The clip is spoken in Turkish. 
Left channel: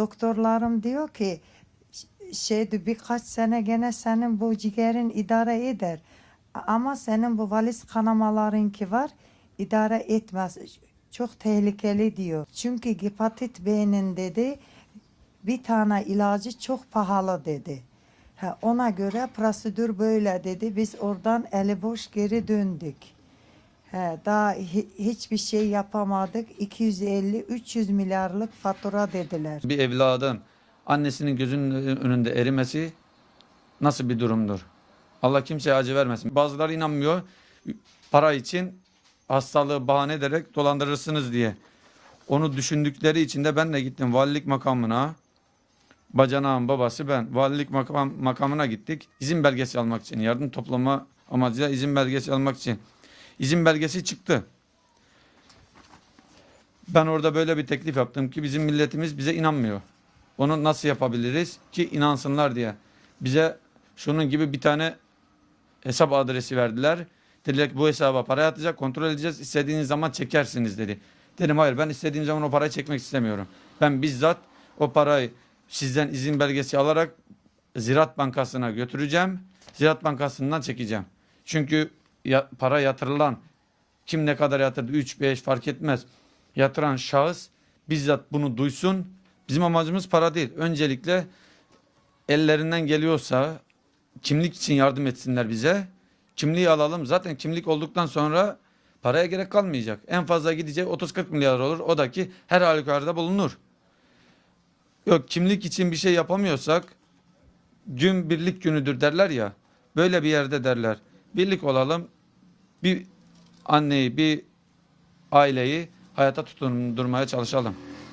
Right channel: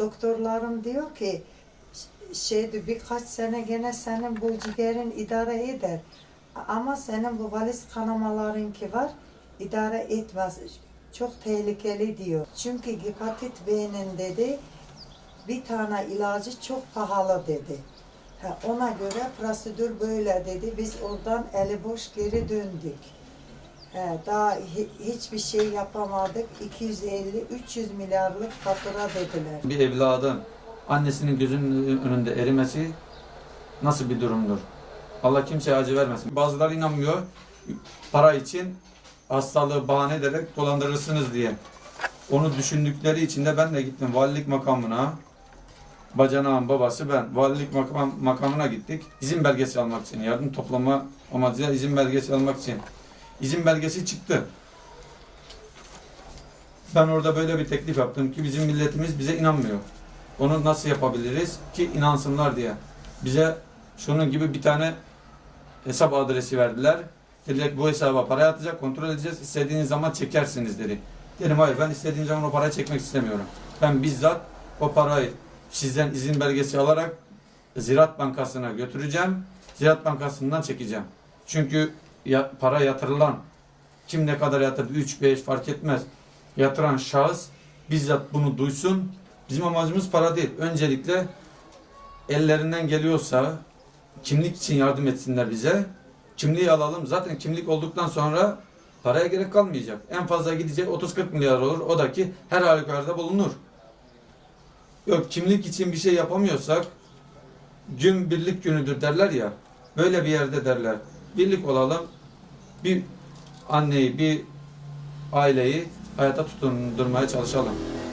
doktorlarım diyor ki şeydi birkaç sene gene senin bu ciğerin idare eder. Ama senin bu valiz kanamalarınki var idare etmez. Çok tehlikeli diyor. Çünkü hepatit B'nin dedi bir tane ilacı çok pahalı dedi. Ha, ona göre prosedür böyle dedi. Biz oradan eli boş geri döndük. He, daha hi- hiçbir şey yapamadık. 250-300 milyarlık fatura dediler. Bir evladın annesinin gözünün önünde erimesi nasıl bir durumdur? Allah kimseye acı vermesin. Bazıları inanmıyor. Para için hastalığı bahane ederek dolandırırsınız diye. Onu düşündükleri için de ben de gittim valilik makamına. Bacanağın babası ben. Valilik makam, makamına gittik. İzin belgesi almak için. Yardım toplama amacıyla izin belgesi almak için. İzin belgesi çıktı. Ben orada böyle bir teklif yaptım ki bizim milletimiz bize inanmıyor. Onu nasıl yapabiliriz ki inansınlar diye. Bize şunun gibi bir tane hesap adresi verdiler. Dediler bu hesaba para yatacak, kontrol edeceğiz. İstediğiniz zaman çekersiniz dedi. Dedim hayır ben istediğim zaman o parayı çekmek istemiyorum. Ben bizzat o parayı sizden izin belgesi alarak Ziraat Bankası'na götüreceğim. Ziraat Bankası'ndan çekeceğim. Çünkü ya, para yatırılan kim ne kadar yatırdı 3 5 fark etmez. Yatıran şahıs bizzat bunu duysun. Bizim amacımız para değil. Öncelikle ellerinden geliyorsa kimlik için yardım etsinler bize. Kimliği alalım. Zaten kimlik olduktan sonra paraya gerek kalmayacak. En fazla gidecek 30-40 milyar olur. O da ki her halükarda bulunur. Yok kimlik için bir şey yapamıyorsak gün birlik günüdür derler ya. Böyle bir yerde derler. Birlik olalım. Bir anneyi, bir aileyi hayata tutundurmaya çalışalım.